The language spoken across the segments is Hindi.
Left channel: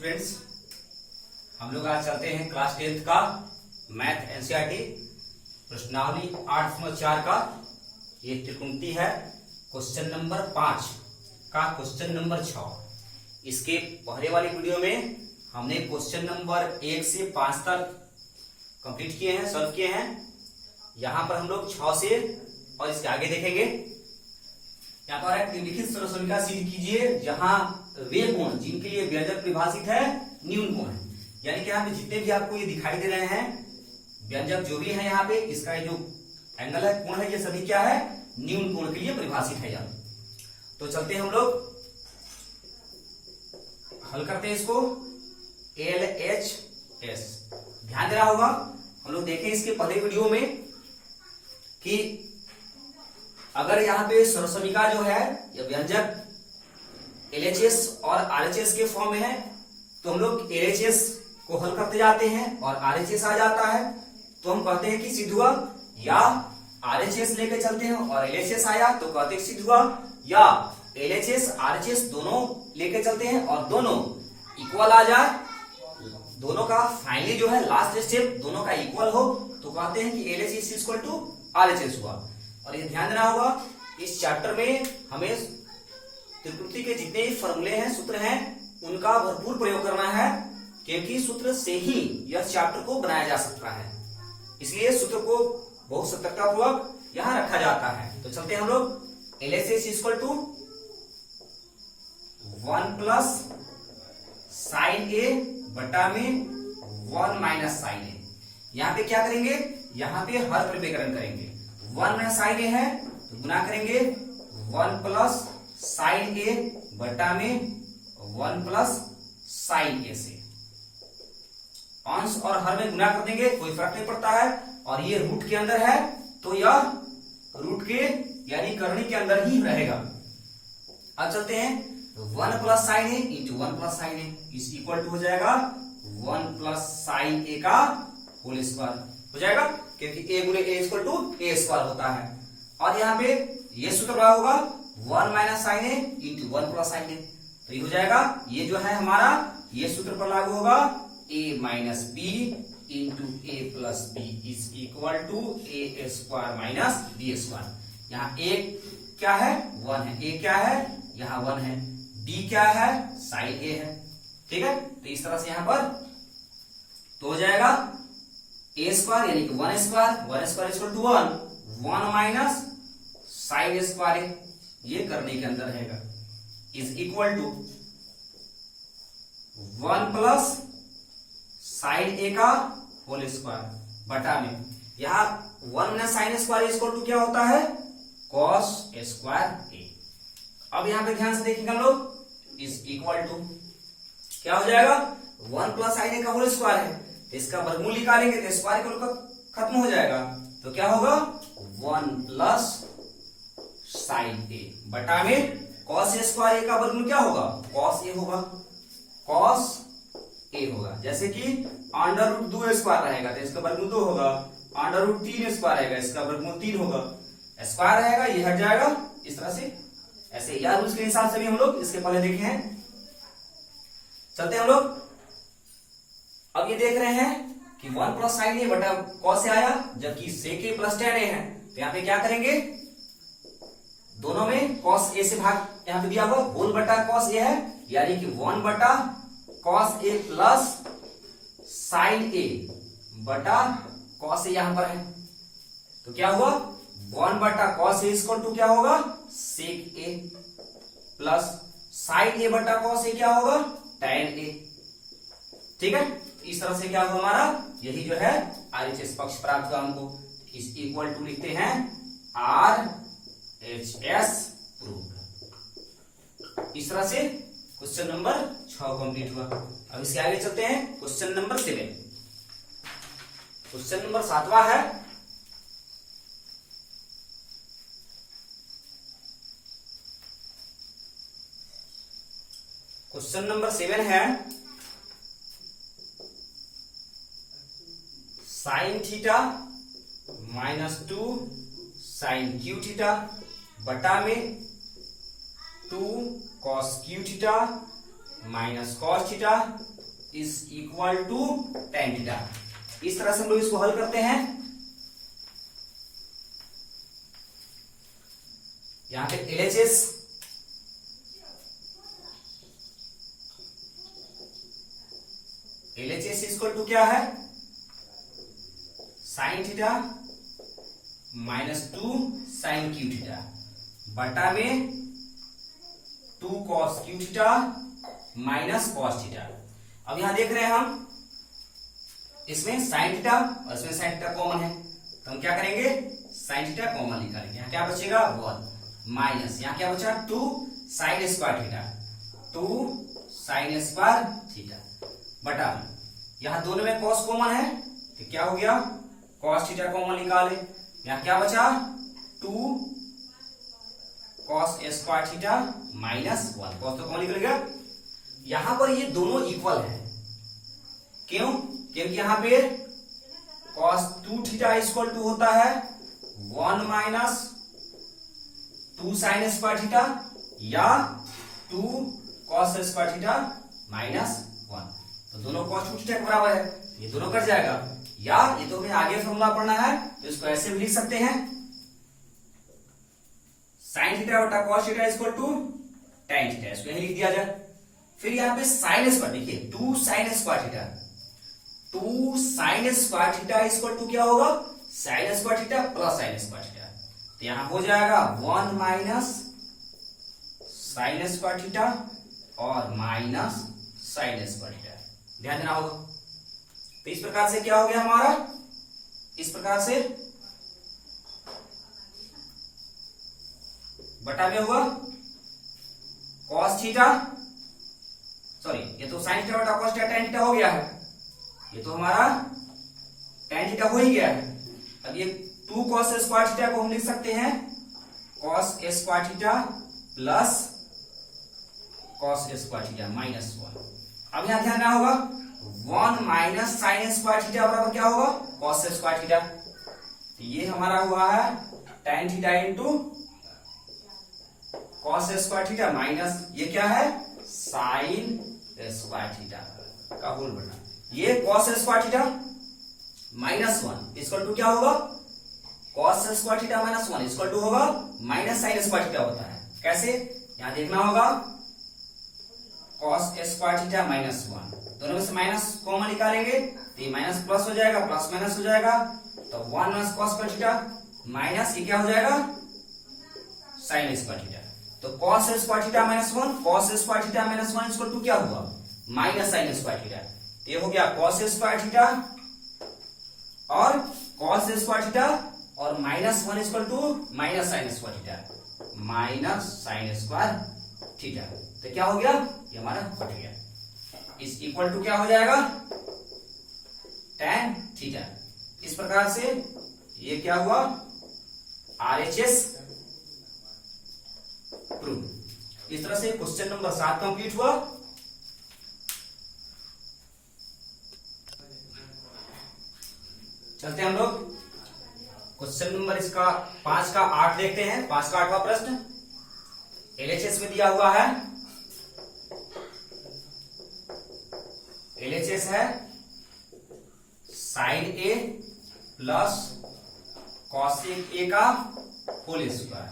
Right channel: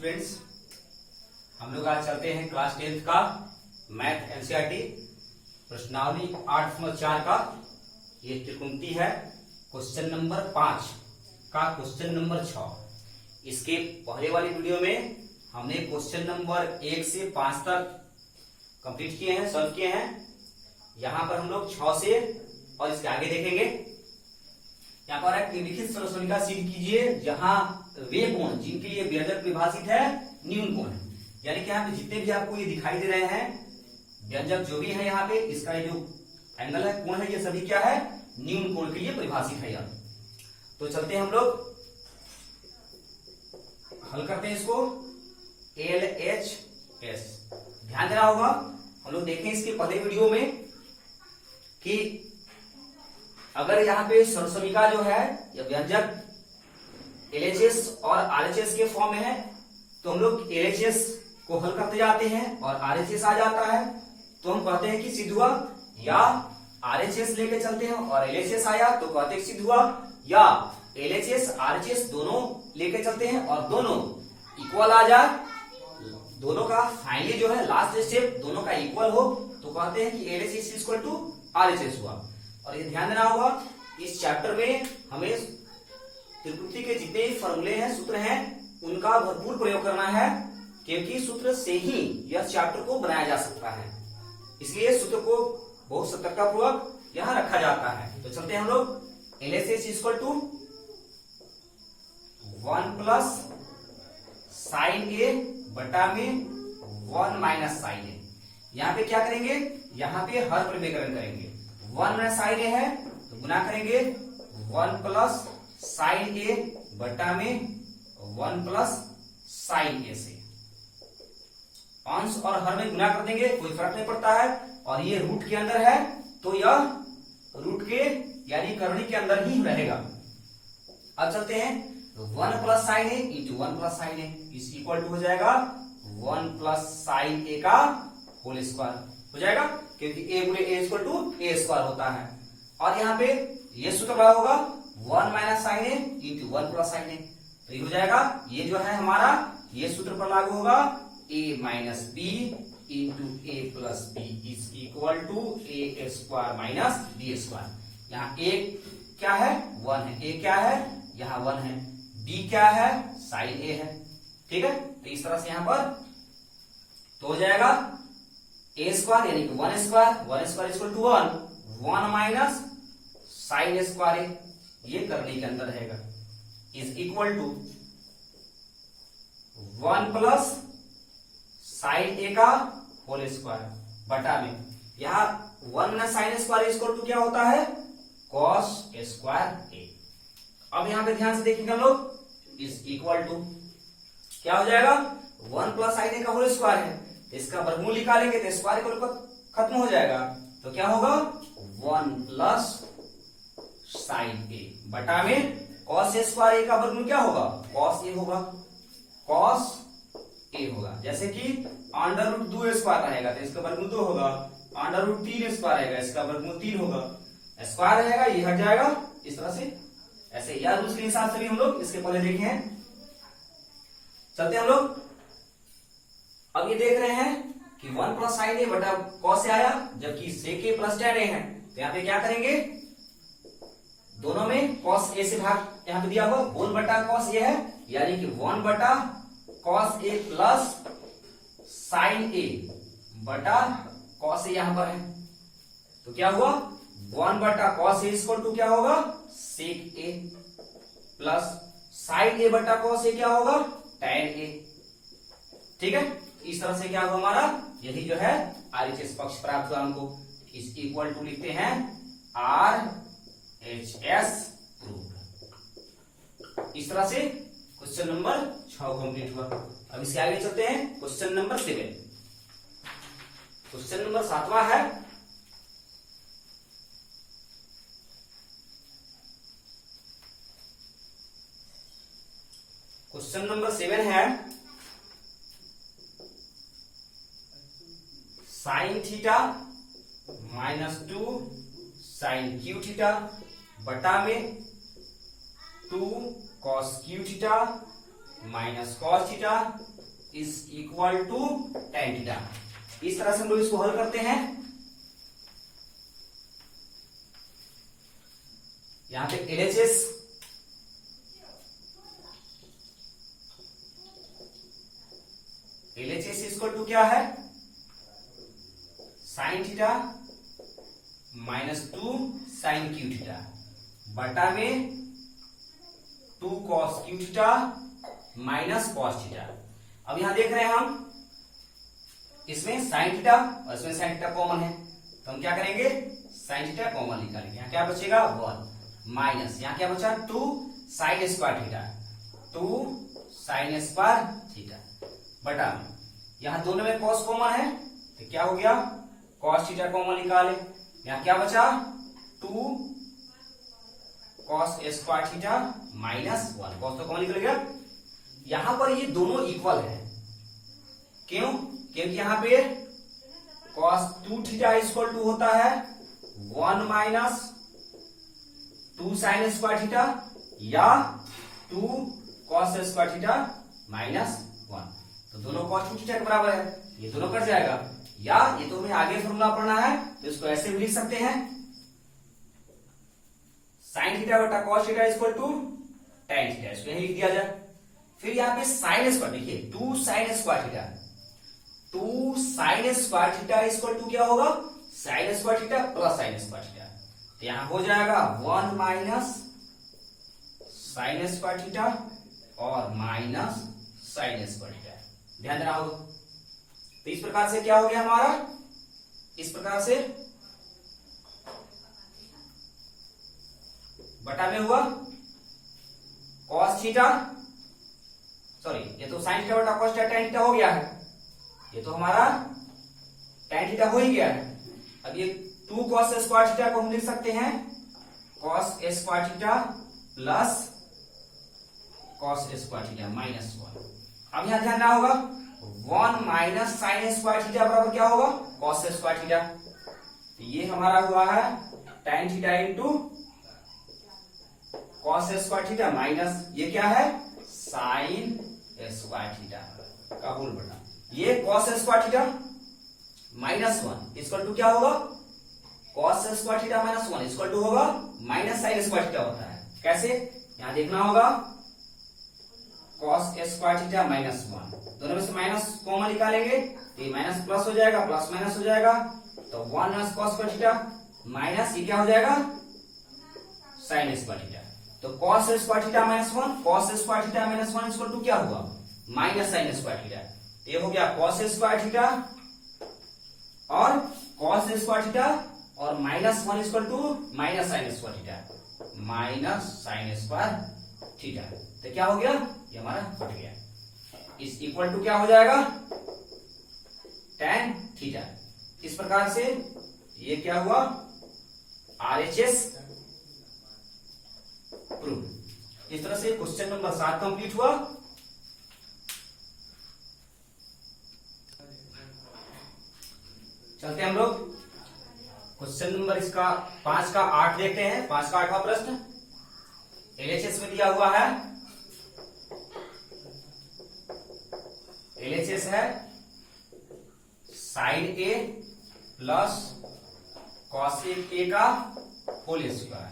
स्टूडेंट्स, हम लोग आज चलते हैं क्लास 10th का मैथ एनसीईआरटी प्रश्नावली 8.4 का ये त्रिकोणमिति है। क्वेश्चन नंबर 5 का क्वेश्चन नंबर 6। इसके पहले वाली वीडियो में हमने क्वेश्चन नंबर 1 से 5 तक कंप्लीट किए हैं, सॉल्व किए हैं। यहाँ पर हम लोग 6 से और इसके आगे देखेंगे। यहाँ पर एक निम्नलिखित सर्वसमीकरण सिद्ध कीजिए जहां वे कोण जिनके लिए व्यंजक परिभाषित है न्यून कोण है। यानी कि यहाँ पे जितने भी आपको ये दिखाई दे रहे हैं व्यंजक जो भी है, यहाँ पे इसका जो एंगल है, कोण है, ये सभी क्या है, न्यून कोण के लिए परिभाषित है यार। तो चलते हैं हम लोग हल करते हैं इसको। LHS ध्यान देना होगा। हम लोग देखें इसके पहले वीडियो में कि अगर यहाँ पे सर्वसमीकरण जो है या व्यंजक LHS और RHS के फॉर्म में है तो हम लोग LHS को हल करते जाते हैं और RHS आ जाता है तो हम कहते हैं कि सिद्ध हुआ, या RHS लेके चलते हैं और LHS आया तो कहते हैं सिद्ध हुआ, या LHS RHS दोनों लेके चलते हैं और दोनों इक्वल आ जाए, दोनों का फाइनली जो है लास्ट स्टेप दोनों का इक्वल हो तो कहते हैं कि LHS इक्वल टू RHS हुआ। और ये ध्यान देना होगा, इस चैप्टर में हमें त्रिकोणमिति के जितने भी फॉर्मूले हैं, सूत्र हैं, उनका भरपूर प्रयोग करना है क्योंकि सूत्र से ही यह चैप्टर को बनाया जा सकता है। इसलिए सूत्र को बहुत सतर्कतापूर्वक यहां रखा जाता है। तो चलते हैं हम लोग। LHS equal to 1 plus sine A बटा में 1 माइनस साइन ए। यहाँ पे क्या करेंगे, यहाँ पे हर परिमेयकरण करेंगे। 1 साइन ए है तो गुना करेंगे 1 प्लस साइन ए बटा में 1 प्लस साइन ए से। अंश और हर में गुना कर देंगे, कोई फर्क नहीं पड़ता है। और ये रूट के अंदर है तो यह रूट के यानी करनी के अंदर ही रहेगा। अब चलते हैं 1 plus sine A into 1 plus sine A इस इक्वल टू हो जाएगा 1 प्लस साइन ए का होल स्क्वायर हो जाएगा, क्योंकि ए गुणे ए इक्वल टू ए स्क्वायर होता है। और यहाँ पे ये सूत्र क्या होगा, 1 minus sign A into 1 plus sine ए, तो ये हो जाएगा, ये जो है हमारा ये सूत्र पर लागू होगा, a minus b into a plus b is equal to a square minus b square. यहाँ a क्या है, 1 है, a क्या है, यहाँ 1 है, b क्या है, साइन a है। ठीक है, तो इस तरह से यहाँ पर तो हो जाएगा a स्क्वायर यानी कि 1 square equal to 1 minus sign square a, ये करने के अंदर रहेगा, is equal to 1 plus sine A का होल स्क्वायर बटा में, यहाँ 1 minus sign square equal to क्या होता है, कॉस स्क्वायर ए। अब यहाँ पे ध्यान से देखेंगे हम लोग, इज इक्वल टू क्या हो जाएगा, 1 प्लस साइन ए का होल स्क्वायर है, इसका वर्गमूल निकालेंगे तो स्क्वायर खत्म हो जाएगा, तो क्या होगा 1 प्लस साइन ए बटा में कॉस स्क्वायर ए का वर्गमूल क्या होगा, कॉस ए होगा, कॉस ए होगा। जैसे कि अंडर रूट 2 स्क्वायर रहेगा तो इसका वर्गमूल 2 होगा, अंडर रूट 3 स्क्वायर रहेगा इसका वर्गमूल 3 होगा, स्क्वायर रहेगा ये हट जाएगा इस तरह से, ऐसे यार उसके हिसाब से भी हम लोग इसके पहले देखे हैं। चलते हम लोग, अब ये देख रहे हैं कि 1 प्लस साइन ए बटा कॉस ए आया, जबकि सेक ए प्लस tan ए है, तो यहाँ पे क्या करेंगे, दोनों में कॉस ए से भाग यहाँ पे दिया हुआ, होल बटा कॉस ए है, यानी कि 1 बटा cos A plus sine A बटा कॉस ए यहां पर है, तो क्या हुआ 1 बटा कॉस ए इक्वल टू क्या होगा, सेक ए प्लस साइन ए बटा कॉस ए क्या होगा, tan ए। ठीक है, इस तरह से क्या होगा हमारा, यही जो है RHS पक्ष प्राप्त हुआ हमको, इस इक्वल टू लिखते हैं RHS प्रूव्ड। इस तरह से क्वेश्चन नंबर 6 कंप्लीट हुआ। अब इससे आगे चलते हैं क्वेश्चन नंबर 7। क्वेश्चन नंबर 7वां है, क्वेश्चन नंबर 7 है sine theta minus 2 sine cube theta बटा में 2 cos cube theta minus cos theta is equal to tan theta. इस तरह से हम लोग इसको हल करते हैं। यहां पे एलएचएस इक्वल टू क्या है, sine theta minus 2 sine cube theta बटा में 2 cos cube theta minus cos theta. अब यहां देख रहे हैं हम इसमें साइन थीटा और इसमें साइन थीटा कॉमन है, तो हम क्या करेंगे, साइन थीटा कॉमन निकालेंगे। यहां क्या बचेगा 1 माइनस यहां क्या बचा 2 sine square theta, 2 sine square theta बटा में यहां दोनों में कॉस कॉमन है तो क्या हो गया कॉस थीटा कॉमन निकाले। यहां क्या बचा 2 cos square theta minus 1, cos तो कॉमन निकल गया। यहां पर ये दोनों इक्वल है, क्यों, क्योंकि यहां पे कॉस 2 थीटा इक्वल टू होता है 1 माइनस 2 साइन स्क्वायर थीटा या 2 कॉस स्क्वायर थीटा माइनस 1, तो दोनों कॉस 2 थीटा के बराबर है, ये दोनों कट जाएगा। या ये तो हमें आगे फॉर्मूला पढ़ना है तो इसको ऐसे भी लिख सकते हैं, साइन थीटा बटा cos theta equal to tan theta, इसको यही लिख दिया जाए। फिर यहां पे साइन स्क्वायर देखिए 2 sine square theta, 2 sine square theta equal to क्या होगा sine square theta plus sine square theta, तो यहां हो जाएगा 1 माइनस साइन स्क्वायर थीटा और माइनस साइन स्क्वायर थीटा, ध्यान देना होगा। तो इस प्रकार से क्या हो गया हमारा, इस प्रकार से बटा में हुआ कॉस थीटा, सॉरी ये तो साइन थीटा बटा कॉस थीटा टेन थीटा हो गया है, ये तो हमारा टेन थीटा हो ही गया है। अब ये 2 कॉस स्क्वायर थीटा को हम लिख सकते हैं cos square theta plus cos square theta minus 1। अब यहां ध्यान देना होगा 1 माइनस साइन स्क्वायर थीटा बराबर क्या होगा कॉस स्क्वायर थीटा, तो ये हमारा हुआ है tan theta into cos square theta minus ये क्या है साइन स्क्वायर थीटा का होल बटा, ये cos square theta minus 1 equal to क्या होगा cos square theta minus 1 equal to होगा माइनस साइन स्क्वायर थीटा होता है। कैसे, यहां देखना होगा कॉस स्क्वायर थीटा माइनस 1, दोनों में से माइनस कॉमन निकालेंगे तो ये माइनस प्लस हो जाएगा, प्लस माइनस हो जाएगा, तो 1 minus cos square theta minus ये क्या हो जाएगा साइन स्क्वायर थीटा, तो cos square theta minus 1 cos square theta minus 1 equal to क्या हुआ माइनस साइन स्क्वायर थीटा, तो ये हो गया कॉस स्क्वायर थीटा और कॉस स्क्वायर थीटा और minus 1 equal to minus sign square theta minus sign square theta, तो क्या हो गया ये हमारा कट गया, इस इक्वल टू क्या हो जाएगा टेन थीटा। इस प्रकार से ये क्या हुआ आरएचएस प्रूफ। इस तरह से क्वेश्चन नंबर 7 कंप्लीट हुआ। चलते हैं हम लोग क्वेश्चन नंबर इसका 5 का 8 देखते हैं। 5 का 8वां प्रश्न एलएचएस में दिया हुआ है, एलएचएस है साइन ए प्लस कॉस ए का होल स्क्वायर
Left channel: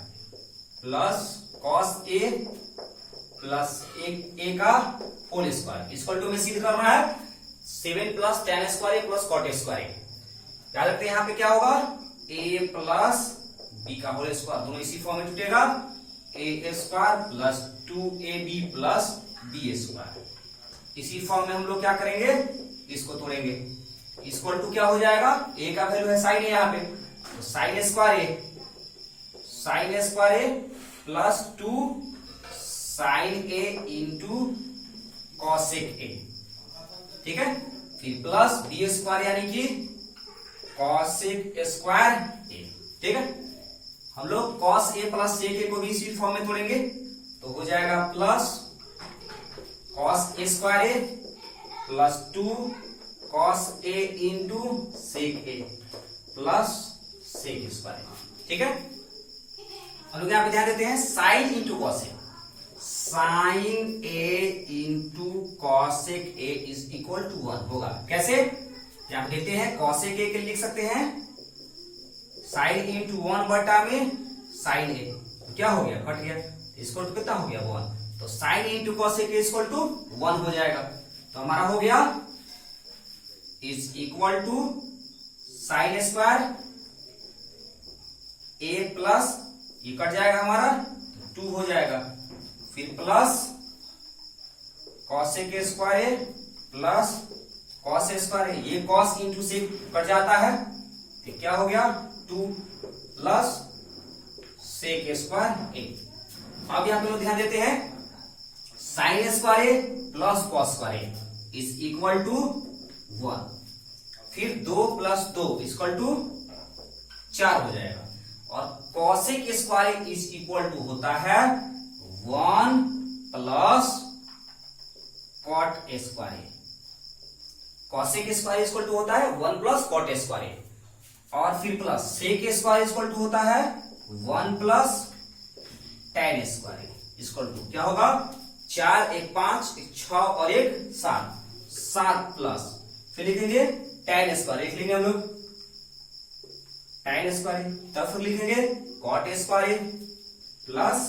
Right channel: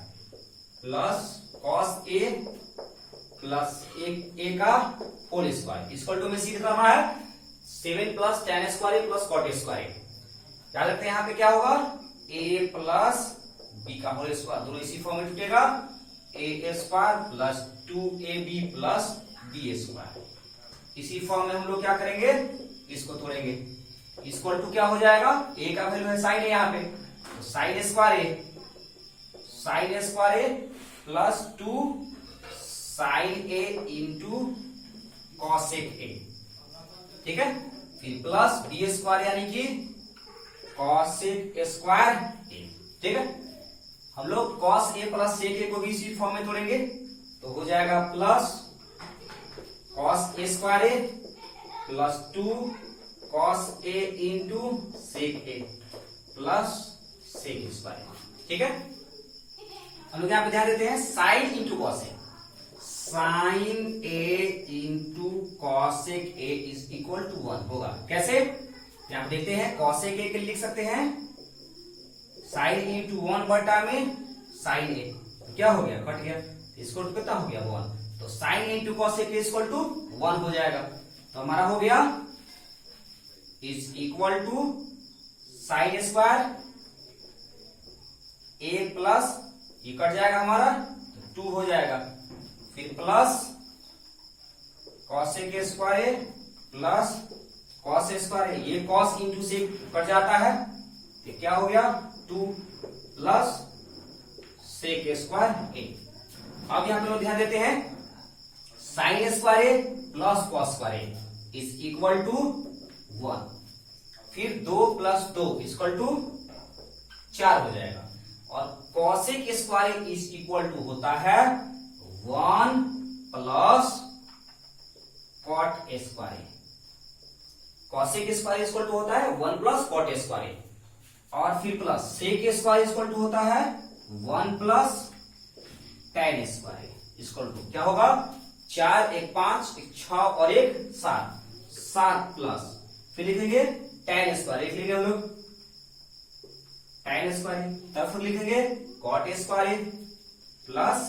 प्लस कॉस ए प्लस ए का होल स्क्वायर इक्वल टू में सिद्ध करना है 7 plus tan square A plus cot square A. याद रखते हैं यहां पे क्या होगा ए प्लस बी का होल स्क्वायर, दोनों इसी फॉर्म में जुटेगा A square plus 2ab plus B square. इसी फॉर्म में हम लोग क्या करेंगे इसको तोड़ेंगे, इक्वल टू क्या हो जाएगा ए का वैल्यू है साइन ए यहाँ पे, तो sine square A plus 2 sine A into cosec A, ठीक है, फिर प्लस बी स्क्वायर यानी कि कॉसेक स्क्वायर ए, ठीक है। हम लोग कॉस ए प्लस सेक ए को भी इसी फॉर्म में तोड़ेंगे तो हो जाएगा plus cos A square A plus 2 cos A into sec A plus sec square, ठीक है। हम लोग यहां पे ध्यान देते हैं sin into cos A, sin A into cosec A is equal to 1 होगा। कैसे? यहां पे देखते हैं, कॉसेक ए के लिए लिख सकते हैं साइन इंटू 1 बटा में साइन ए, तो क्या हो गया, कट गया, इसको कितना हो गया 1, तो sin into cosec A equal to 1 हो जाएगा। तो हमारा हो गया is equal to sin square A plus, ये कट जाएगा हमारा, 2 हो जाएगा, फिर plus cosec square A plus cos square A, ये कॉस इंटू सेक कट जाता है, तो क्या हो गया 2 प्लस सेक स्क्वायर ए। अब यहां पे लोग ध्यान देते हैं, sin square A plus cos square A is equal to 1, फिर 2 प्लस 2 इक्वल टू 4 हो जाएगा, और cosec square is equal to होता है 1 plus cot square. Cosec square equal to होता है 1 प्लस कॉट स्क्वायर, और फिर plus sec square equal to होता है 1 plus tan square equal to क्या होगा, 4 1 5 1 6 और 1 7, 7 प्लस फिर लिखेंगे टेन स्क्वायर, लिख लेंगे हम लोग टेन स्क्वायर, तब फिर लिखेंगे cot square plus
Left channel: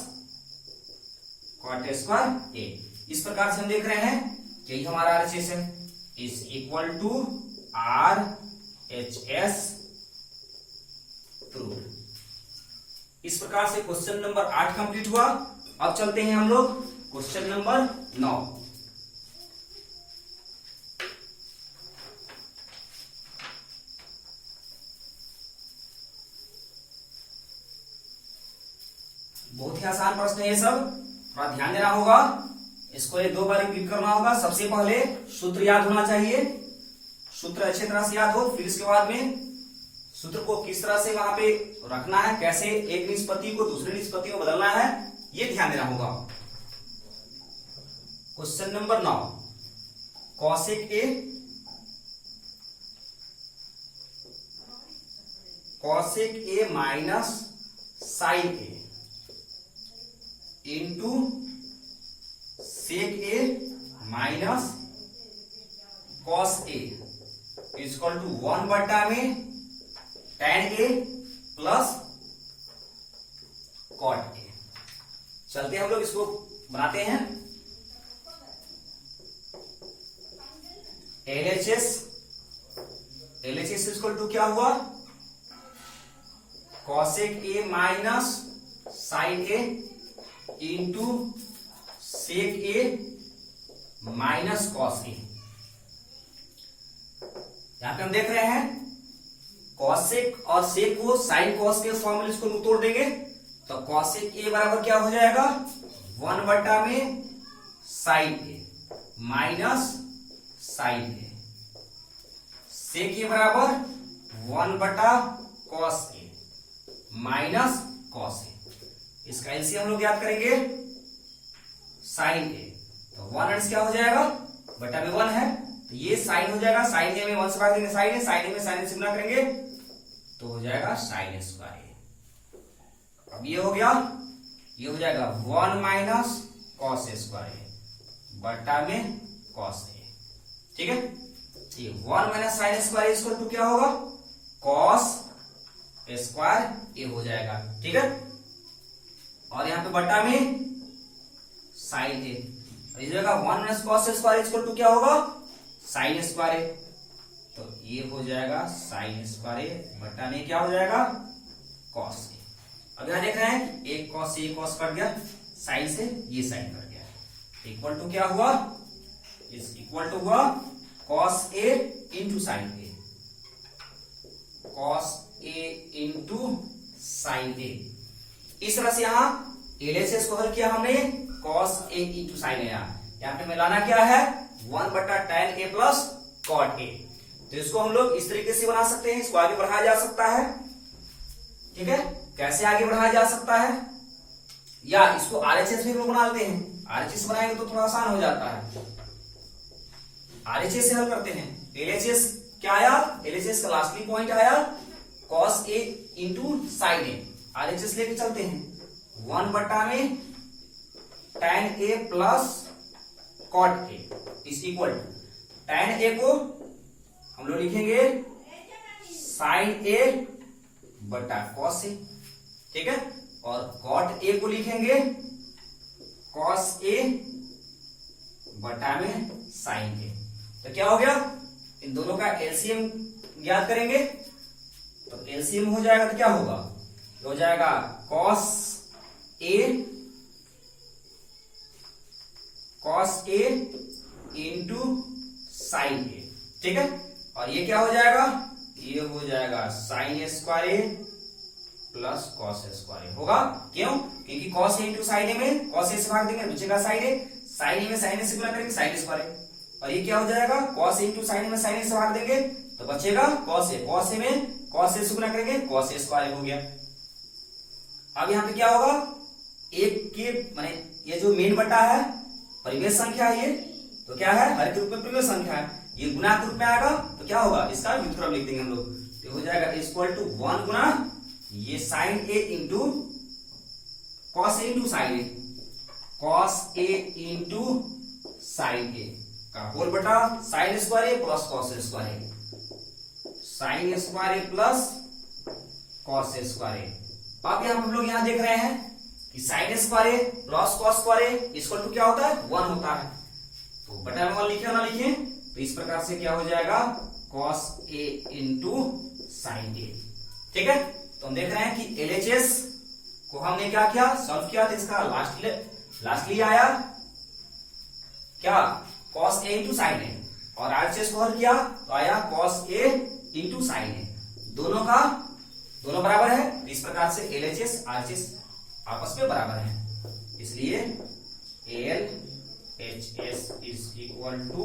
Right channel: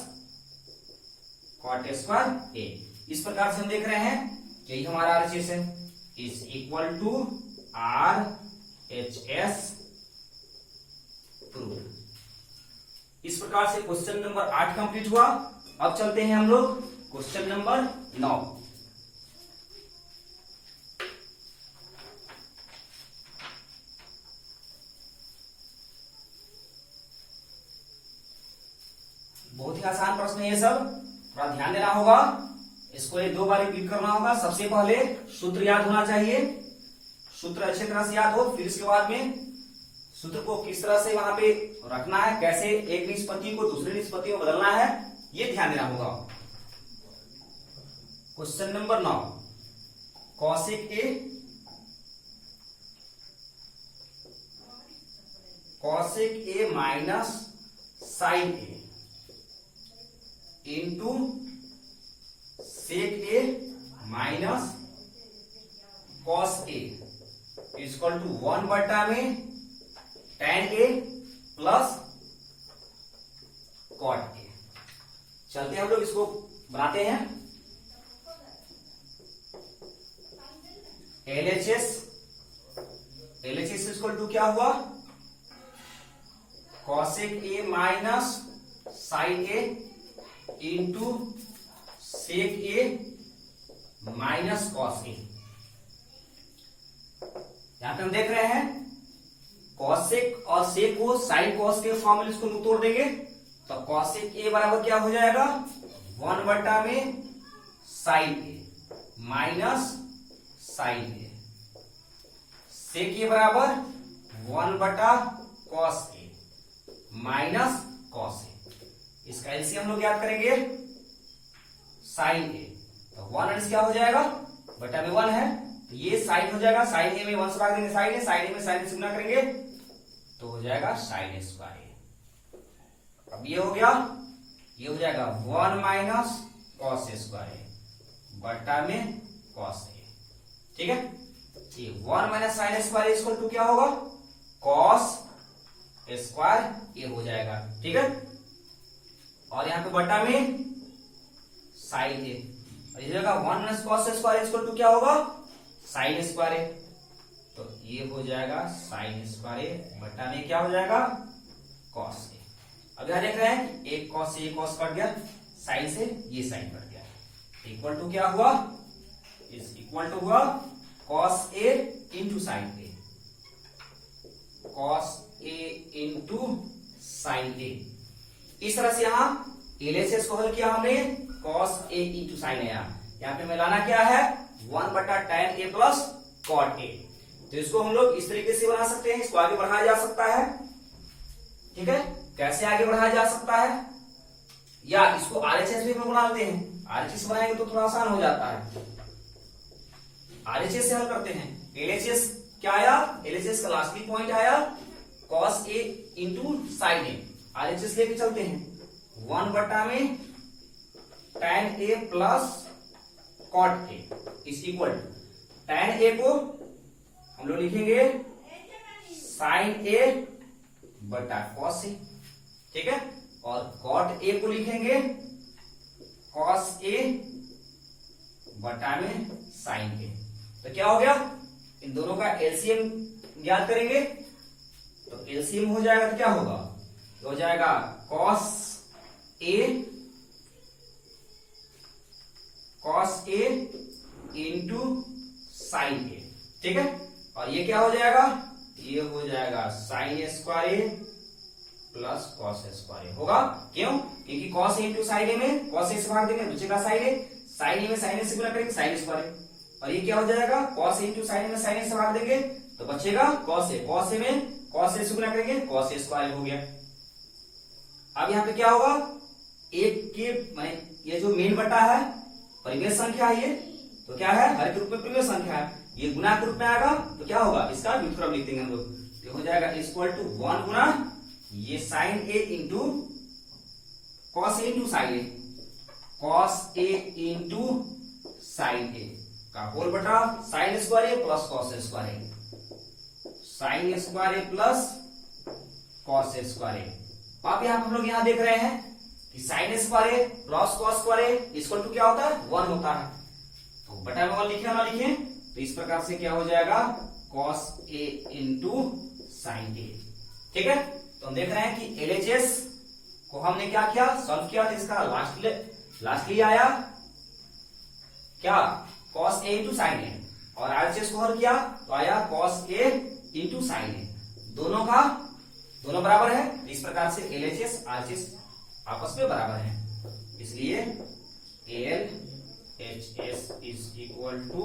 cot square A. इस प्रकार से हम देख रहे हैं कि यही हमारा आरएचएस है, is equal to R H S proved. इस प्रकार से क्वेश्चन नंबर 8 कंप्लीट हुआ। अब चलते हैं हम लोग क्वेश्चन नंबर 9। बहुत ही आसान प्रश्न है ये सब, थोड़ा ध्यान देना होगा, इसको 1-2 बार रिपीट करना होगा। सबसे पहले सूत्र याद होना चाहिए, सूत्र अच्छी तरह से याद हो, फिर इसके बाद में सूत्र को किस तरह से वहां पे रखना है, कैसे एक निष्पत्ति को दूसरे निष्पत्ति में बदलना है, ये ध्यान देना होगा। Question number 9, cosec A minus sign A into sec A minus cos A equal to 1 बटा में tan A plus cot A. चलते हैं हम लोग इसको बनाते हैं। एलएचएस इक्वल टू क्या हुआ, cosec A minus sign A into sec A minus cos A. यहां पे हम देख रहे हैं कॉसेक और सेक को साइन कॉस के फॉर्म में इसको तोड़ देंगे, तो कॉसेक ए बराबर क्या हो जाएगा 1 बटा में साइन ए माइनस साइन ए, सेक ए बराबर 1 बटा कॉस ए माइनस कॉस ए। इसका एलसीएम हम लोग याद करेंगे साइन ए, तो 1 क्या हो जाएगा बटा में 1 है, तो ये साइन हो जाएगा, साइन ए में 1 से भाग देंगे साइन ए, साइन ए में साइन से गुणा करेंगे तो हो जाएगा साइन स्क्वायर। अब ये हो गया, ये हो जाएगा 1 माइनस कॉस स्क्वायर बटा में कॉस ए, ठीक है। ये 1 minus sign square equal to क्या होगा, कॉस स्क्वायर ए हो जाएगा, ठीक है। और यहां पे बटा में साइन ए, इस जगह 1 minus cos square equal to क्या होगा साइन स्क्वायर ए, तो ये हो जाएगा साइन स्क्वायर ए बटा में क्या हो जाएगा कॉस ए। अब यहां देख रहे हैं एक कॉस से कॉस कट गया, साइन से ये साइन कट गया, इक्वल टू क्या हुआ, इज इक्वल टू हुआ cos A into sin A, cos A into sin A. इस तरह से यहां एलएचएस को हल किया हमने, cos A into sin A. यहां पे मिलाना क्या है 1 बटा tan A plus cot A, तो इसको हम लोग इस तरीके से बना सकते हैं, इसको आगे बढ़ाया जा सकता है, ठीक है। कैसे आगे बढ़ाया जा सकता है, या इसको आरएचएस भी बना लेते हैं, आरएचएस बनाएंगे तो थोड़ा आसान हो जाता है, आरएचएस से हल करते हैं। एलएचएस क्या आया, एलएचएस का लास्टली पॉइंट आया cos A into sin A, RHS लेके चलते हैं 1 बटा में tan a plus cot a is equal to tan a को हम लोग लिखेंगे sin a बटा cos a, ठीक है, और cot a को लिखेंगे cos a बटा में sin a। तो क्या हो गया, इन दोनों का एलसीएम ज्ञात करेंगे, तो एलसीएम हो जाएगा तो क्या होगा, हो जाएगा cos a into sine a, ठीक है, और ये क्या हो जाएगा, ये हो जाएगा sine square A plus cos square ए होगा। क्यों, क्योंकि cos a इंटू साइन ए में cos a से भाग देंगे बचेगा साइन ए, साइन ए में साइन ए से गुणा करेंगे साइन स्क्वायर ए, और ये क्या हो जाएगा cos a इंटू साइन ए में साइन ए से भाग देंगे तो बचेगा cos a, cos a में cos a से गुणा करेंगे cos a स्क्वायर हो गया। अब यहाँ पे क्या होगा, एक के माने ये जो मेन बटा है परिमेय संख्या है, ये तो क्या है हर के रूप में परिमेय संख्या है, ये गुणा के रूप में आएगा तो क्या होगा, इसका व्युत्क्रम लिख देंगे हम लोग, तो हो जाएगा इक्वल टू 1 गुना ये sin A into cos A into sin A, cos A into sin A का होल बटा sin square A plus cos square A, sin square A plus cos square A. अब यहां हम लोग यहां देख रहे हैं कि sin square A plus cos square A equal to क्या होता है 1 होता है, तो बटा में 1 लिखे ना लिखे, तो इस प्रकार से क्या हो जाएगा cos a इंटू साइन ए, ठीक है। तो हम देख रहे हैं कि LHS को हमने क्या किया, सॉल्व किया, तो इसका लास्टली आया क्या cos a इंटू साइन ए, और RHS को हल किया तो आया cos a इंटू साइन ए, दोनों बराबर है, इस प्रकार से LHS RHS आपस में बराबर है, इसलिए LHS is equal to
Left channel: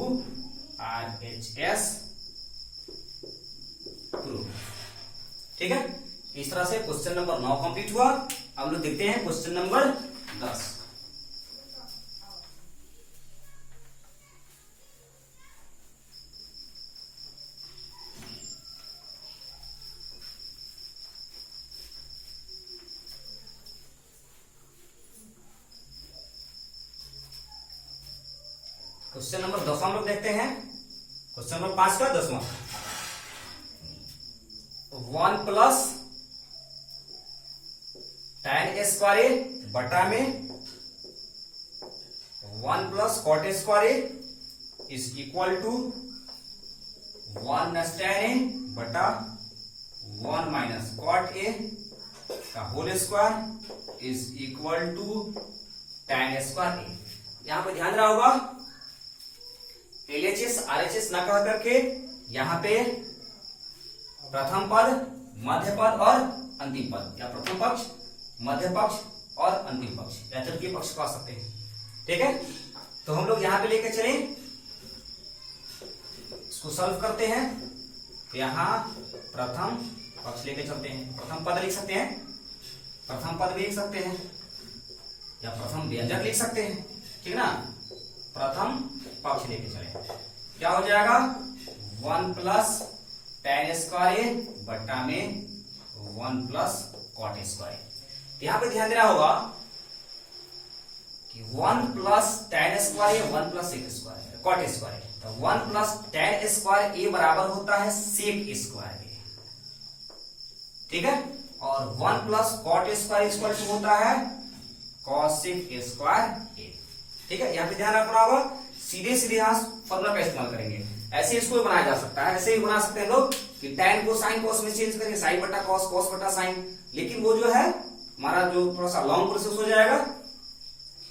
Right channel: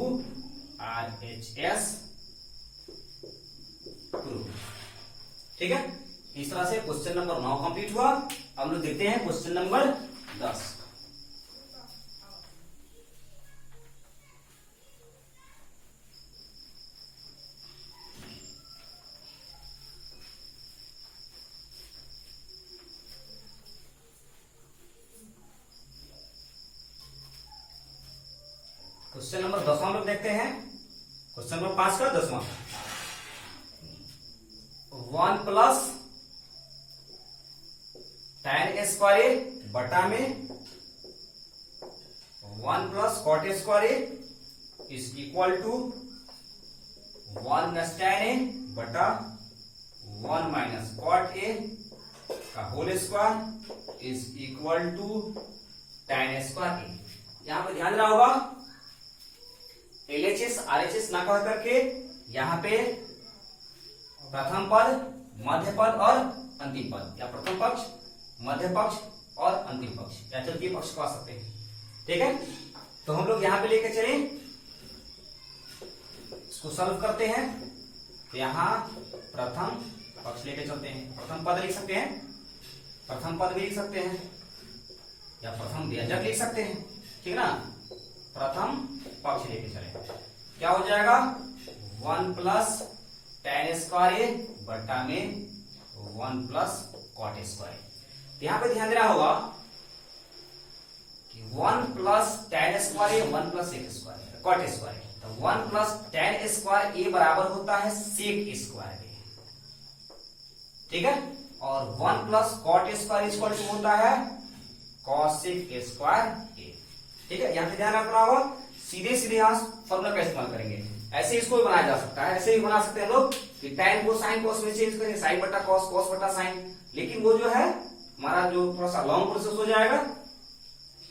RHS proof, ठीक है। इस तरह से क्वेश्चन नंबर 9 कंप्लीट हुआ। अब लोग देखते हैं क्वेश्चन नंबर 10। क्वेश्चन नंबर 10 हम लोग देखते हैं, क्वेश्चन नंबर 5 का 10वां, 1 प्लस tan स्क्वायर ए बटा में 1 plus cot square A is equal to 1 plus tan A बटा 1 माइनस कॉट ए का whole square is equal to tan square A. यहां पर ध्यान रहा होगा LHS RHS ना कह करके यहां पे प्रथम पद, मध्य पद और अंतिम पद, या प्रथम पक्ष, मध्य पक्ष और अंतिम पक्ष या तृतीय पक्ष कह सकते हैं, ठीक है। तो हम लोग यहां पे लेके चले, इसको सॉल्व करते हैं, तो यहां प्रथम पक्ष लेके चलते हैं, प्रथम पद लिख सकते हैं, प्रथम पद भी लिख सकते हैं, या प्रथम व्यंजक लिख सकते हैं, ठीक ना। प्रथम पक्ष लेके चले, क्या हो जाएगा 1 प्लस tan स्क्वायर ए बटा में 1 प्लस कॉट स्क्वायर। यहां पे ध्यान देना होगा कि 1 plus tan square A 1 plus sec square cot square, तो 1 प्लस tan स्क्वायर ए बराबर होता है सेक स्क्वायर ए, ठीक है, और 1 plus cot square equal to होता है कॉसेक स्क्वायर ए, ठीक है। यहां पे ध्यान रखना होगा, सीधे सीधे यहां फॉर्मूला का इस्तेमाल करेंगे, ऐसे इसको भी बनाया जा सकता है, ऐसे ही बना सकते हैं लोग कि tan को साइन कॉस में चेंज करेंगे, साइन बटा कॉस, कॉस बटा साइन, लेकिन वो जो है हमारा जो थोड़ा सा लॉन्ग प्रोसेस हो जाएगा,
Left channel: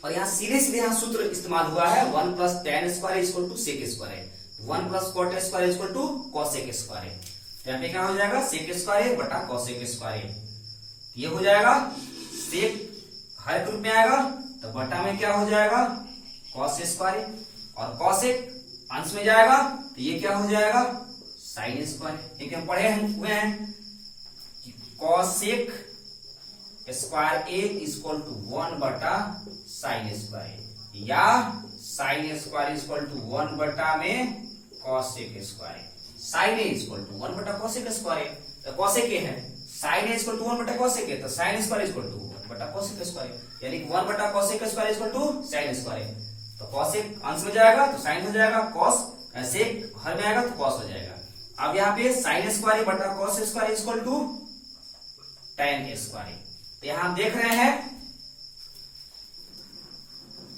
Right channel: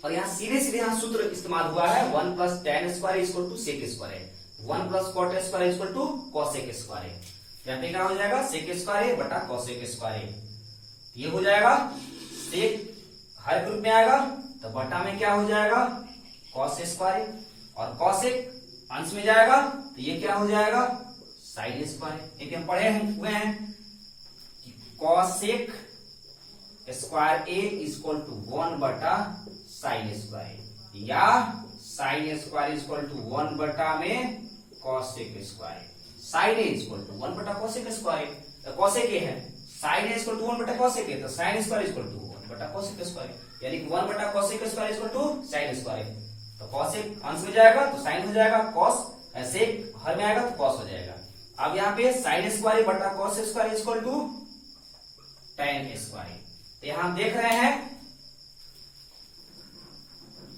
और यहाँ सीधे सीधे यहाँ सूत्र इस्तेमाल हुआ है 1 plus tan square equal to sec square, 1 plus cot square equal to cosec square, यहाँ पे क्या हो जाएगा सेक स्क्वायर बटा कॉसेक स्क्वायर, ये हो जाएगा सेक हर ग्रुप में आएगा, तो बटा में क्या हो जाएगा कॉस स्क्वायर, और कॉसेक अंश में जाएगा तो ये क्या हो जाएगा साइन स्क्वायर, ठीक है। पढ़े हुए हैं कि cosec square A equal to 1 बटा साइन स्क्वायर, या साइन स्क्वायर इक्वल टू 1 बटा में cosec square, sin A equal to 1 बटा कॉसेक स्क्वायर, तो कॉसेक ए है, साइन ए इक्वल टू 1 बटा कॉसेक ए, तो साइन स्क्वायर इक्वल टू 1 बटा कॉसेक स्क्वायर, यानी कि 1 बटा cosec square equal to sin square A. तो cosec अंश में जाएगा तो sin हो जाएगा, cos sec हर में आएगा तो cos हो जाएगा। अब यहाँ पे sin स्क्वायर बटा cos square equal to tan square. तो यहाँ हम देख रहे हैं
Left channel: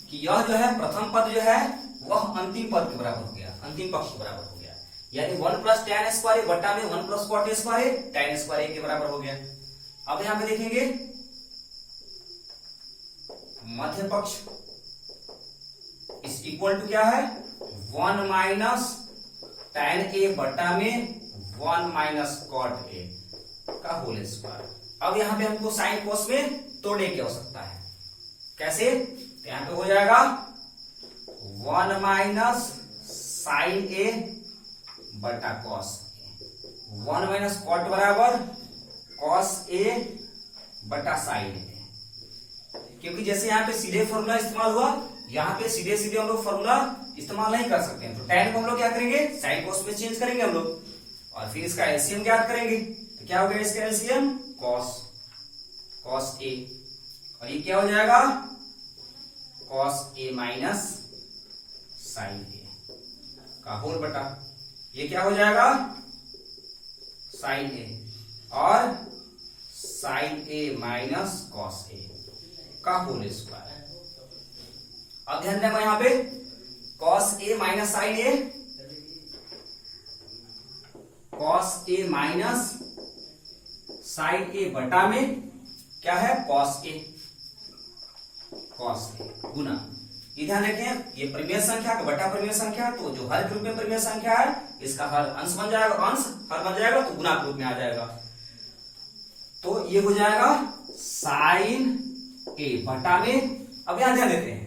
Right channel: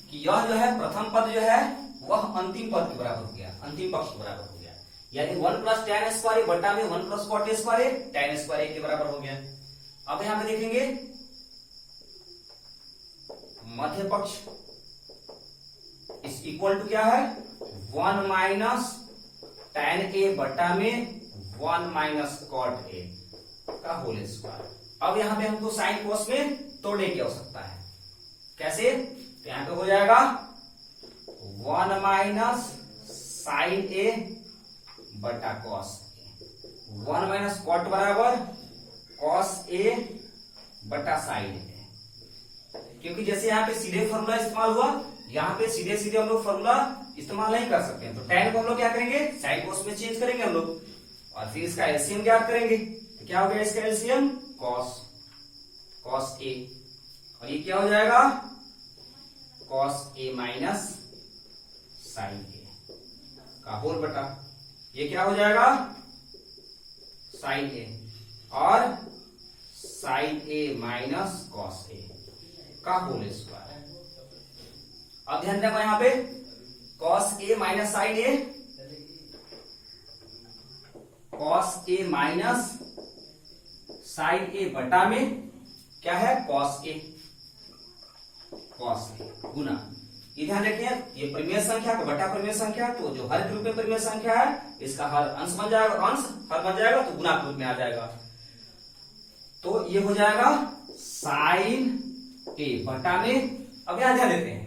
कि यह जो है प्रथम पद जो है वह अंतिम पद के बराबर हो गया, अंतिम पक्ष के बराबर हो गया, यानी 1 प्लस tan स्क्वायर बटा में 1 plus cot square tan square के बराबर हो गया। अब यहां पे देखेंगे मध्य पक्ष इस इक्वल टू क्या है 1 माइनस tan a बटा में 1 माइनस cot a का होल स्क्वायर। अब यहां पे हमको साइन कोस में तोड़ने की आवश्यकता है। कैसे? तो यहां पे हो जाएगा 1 माइनस साइन ए बटा कॉस ए, 1 माइनस कॉट बराबर कॉस ए बटा साइन ए। क्योंकि जैसे यहाँ पे सीधे फॉर्मूला इस्तेमाल हुआ, यहाँ पे सीधे सीधे हम लोग फॉर्मूला इस्तेमाल नहीं कर सकते हैं, तो tan को हम लोग क्या करेंगे साइन कोस में चेंज करेंगे हम लोग, और फिर इसका एलसीएम ज्ञात करेंगे। तो क्या हो गया इसका एलसीएम कॉस ए, और ये क्या हो जाएगा cos A minus sign A का होल बटा, ये क्या हो जाएगा साइन ए और साइन ए माइनस कॉस ए का होल स्क्वायर। अब ध्यान रखो यहां पे cos A minus sign A, cos A minus sign A बटा में क्या है कॉस ए गुना। ये ध्यान रखें ये परिमेय संख्या का बटा परिमेय संख्या, तो जो हर के रूप में परिमेय संख्या है इसका हर अंश बन जाएगा, अंश हर बन जाएगा तो गुना के रूप में आ जाएगा। तो ये हो जाएगा साइन ए बटा में। अब यहां ध्यान देते हैं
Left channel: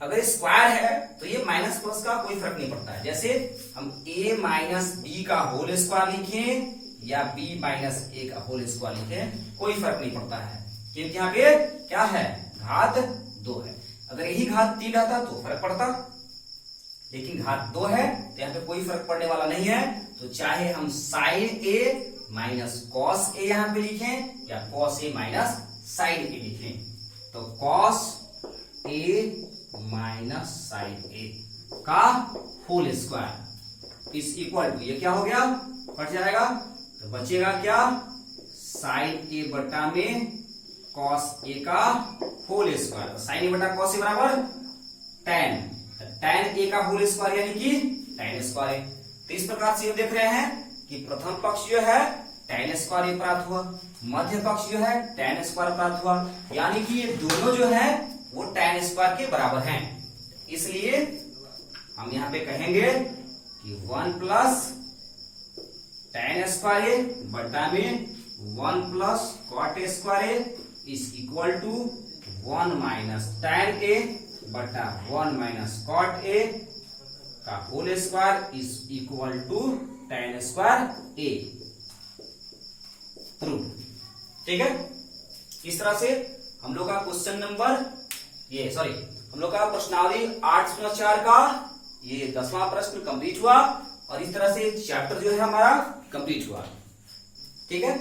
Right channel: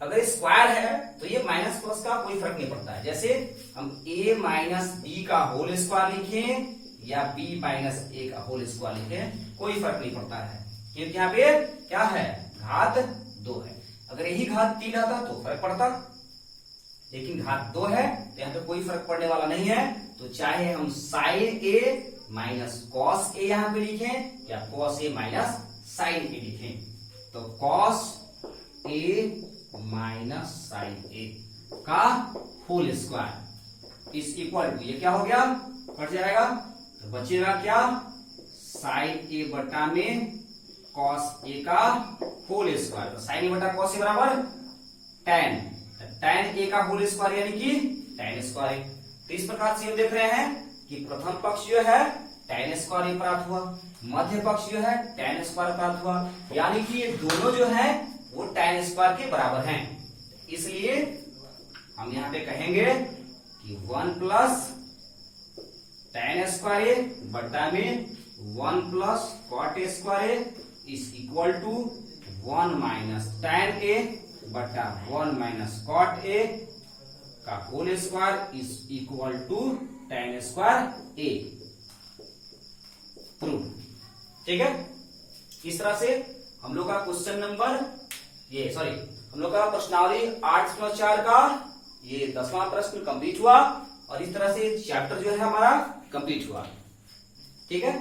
अगर स्क्वायर है तो ये माइनस प्लस का कोई फर्क नहीं पड़ता है। जैसे हम a माइनस बी का होल स्क्वायर लिखें या b माइनस a का होल स्क्वायर लिखें, कोई फर्क नहीं पड़ता है, क्योंकि यहाँ पे क्या है घात 2 है। अगर यही घात 3 रहता तो फर्क पड़ता, लेकिन घात 2 है तो यहाँ पे कोई फर्क पड़ने वाला नहीं है। तो चाहे हम साइन ए माइनस कॉस ए यहाँ पे लिखें या कॉस ए माइनस साइन ए लिखें, तो cos A minus sign A का होल स्क्वायर इस इक्वल टू, ये क्या हो गया कट जाएगा, तो बचेगा क्या साइन ए बटा में कॉस ए का होल स्क्वायर। तो साइन ए बटा कॉस ए बराबर tan ए का होल स्क्वायर यानी कि tan स्क्वायर। तो इस प्रकार से हम देख रहे हैं कि प्रथम पक्ष जो है tan स्क्वायर प्राप्त हुआ, मध्य पक्ष जो है tan स्क्वायर प्राप्त हुआ, यानी कि ये दोनों जो है वो tan स्क्वायर के बराबर हैं। इसलिए हम यहां पे कहेंगे कि 1 प्लस tan स्क्वायर बटा में 1 plus cot square is equal to 1 minus tan A बटा 1 माइनस cot ए का whole square is equal to tan square A. True, ठीक है। इस तरह से हम लोग का क्वेश्चन नंबर हम लोग का प्रश्नावली 8.4 का ये 10वां प्रश्न कंप्लीट हुआ, और इस तरह से चैप्टर जो है हमारा कंप्लीट हुआ, ठीक है।